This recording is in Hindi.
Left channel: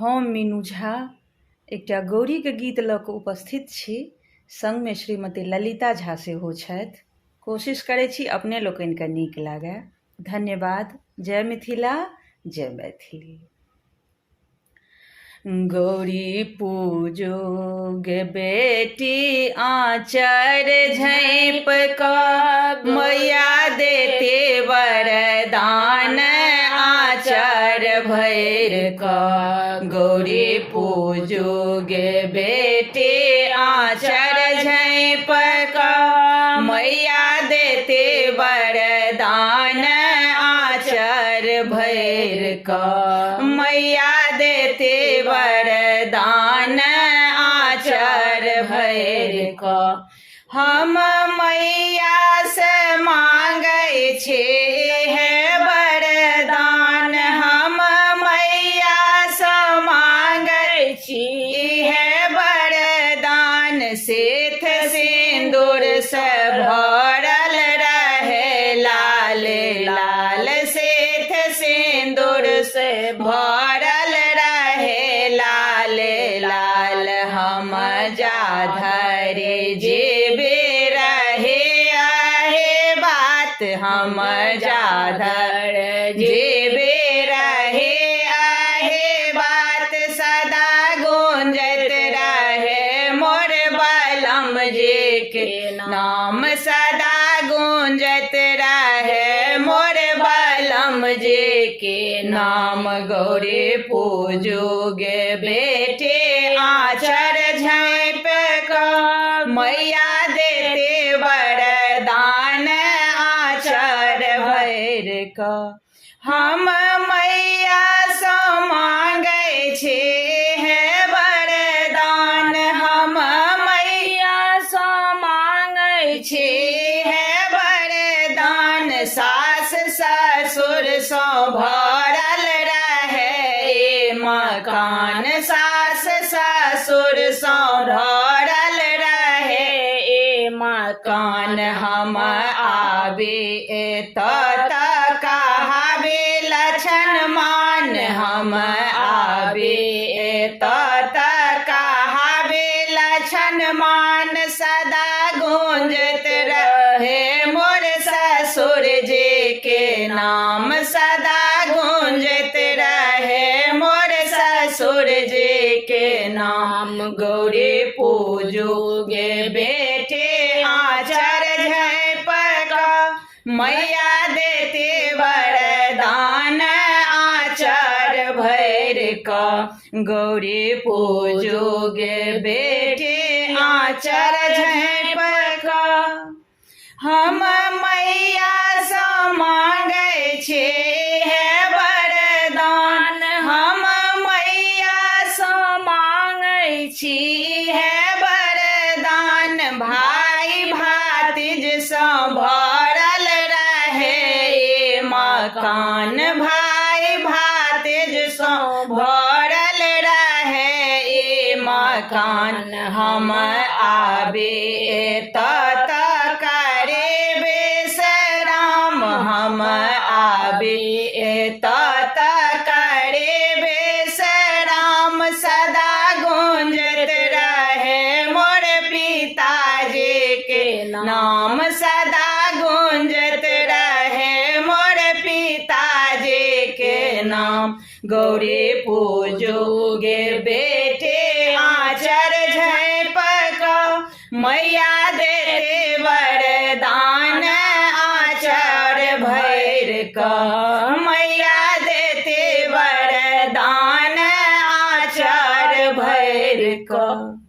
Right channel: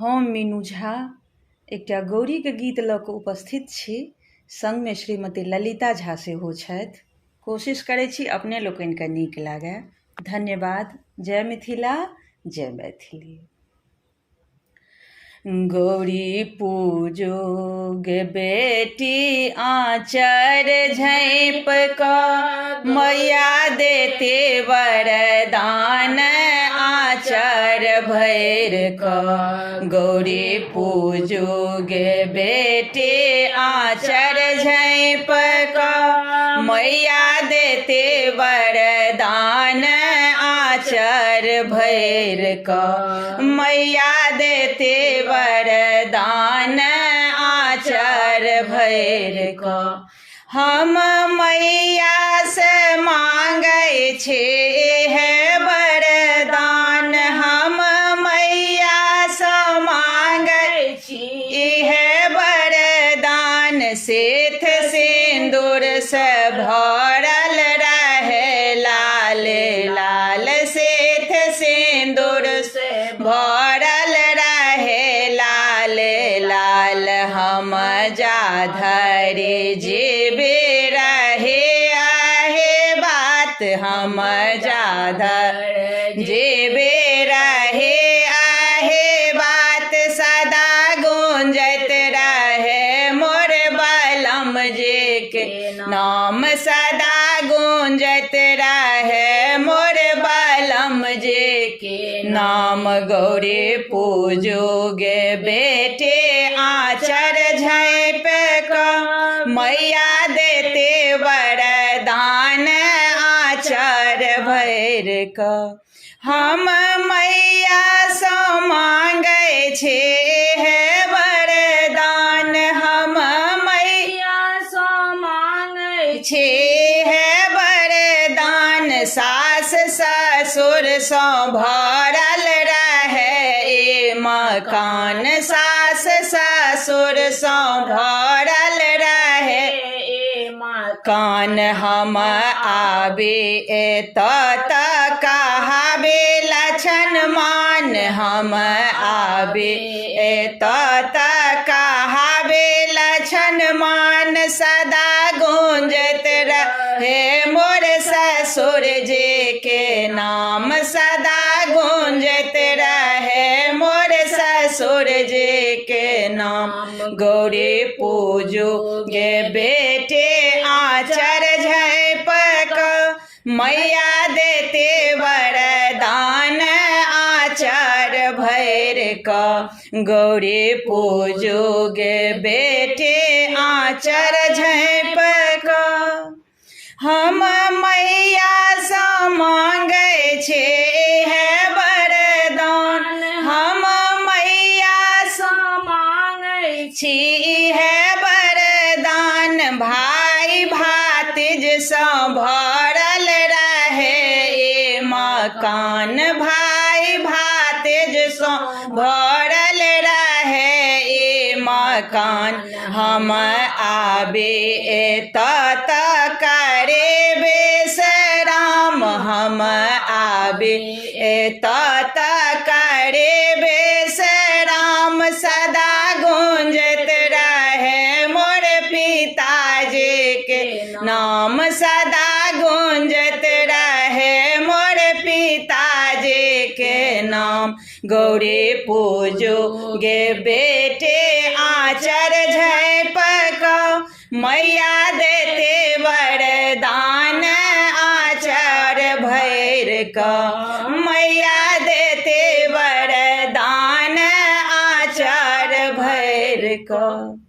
हम मीनू झा एकटा गौरीके गीत लऽ कऽ उपस्थित छी। संगमे श्रीमती ललिता झा सेहो छथि। कोशिश करै छी अपने लोकनिके नीक लागय। धन्यवाद। जय मिथिला, जय मैथिली। गौरी पूजो गे बेटी आँचर झाँपि कऽ, मैया देते वरदान आँचर भरि कऽ। गौरी पूजो गे बेटी आँचर झाँपि कऽ, मैया देते वरदान आँचर भरि कऽ। मैया देते वरदान आँचर भरि कऽ। हम मैया से मांगै छी है वरदान, हम मैया से मांगै छी है वरदान। सेठ सिंदूर से भरल रहे लाल लाल, सेठ सिंदूर से भरल रहे लाल लाल। हम जाधरि जेबे रहे आहे बात, हम जाधरि जेबे रहे आहे बात। सदा गूंजत रहे मोर बलम जी के नाम, सदा गूंजत रहे मोर बलम जी के नाम। गौरी पूजो गे बेटे आँचर झाँपि कऽ, मैया देते वरदान आँचर भरि कऽ। हम मैया सँ मांगै छी है वरदान, हम मैया सँ मांगै छी है वरदान। सास ससुर सँ भरल रहे मकान, सास ससुर सँ भरल रहे मकान। हम आबे एतऽ तऽ कहाबे लछन मान, हम आबे एतऽ तऽ कहाबे लछन मान। सदा गूंजत रहे मोर ससुर जी के नाम, सदा गूंजत रहे मोर ससुर जी के नाम। गौरी पूजो गे बेटे आँचर झाँपि कऽ, मैया देते वरदान आँचर भरि कऽ। गौरी पूजो गे बेटे आँचर झाँपि कऽ। हम मैया सँ मांगै छी है वरदान, हम मैया सँ मांगै छी है वरदान। भाई भातिज सँ भरल रहे मकान, भाई भातिज सँ भरल रहे मकान। हम आबे एतऽ तऽ करेबे सलाम, हम आबे एतऽ तऽ करेबे सलाम। सदा गूंजत रहे मोर पिताजी के नाम, सदा गूंजत रहे मोर पिताजी के नाम। गौरी पूजो गे बेटे आँचर झाँपि कऽ, मैया देते वरदान आँचर भरि कऽ। मैया देते वरदान आँचर भरि कऽ।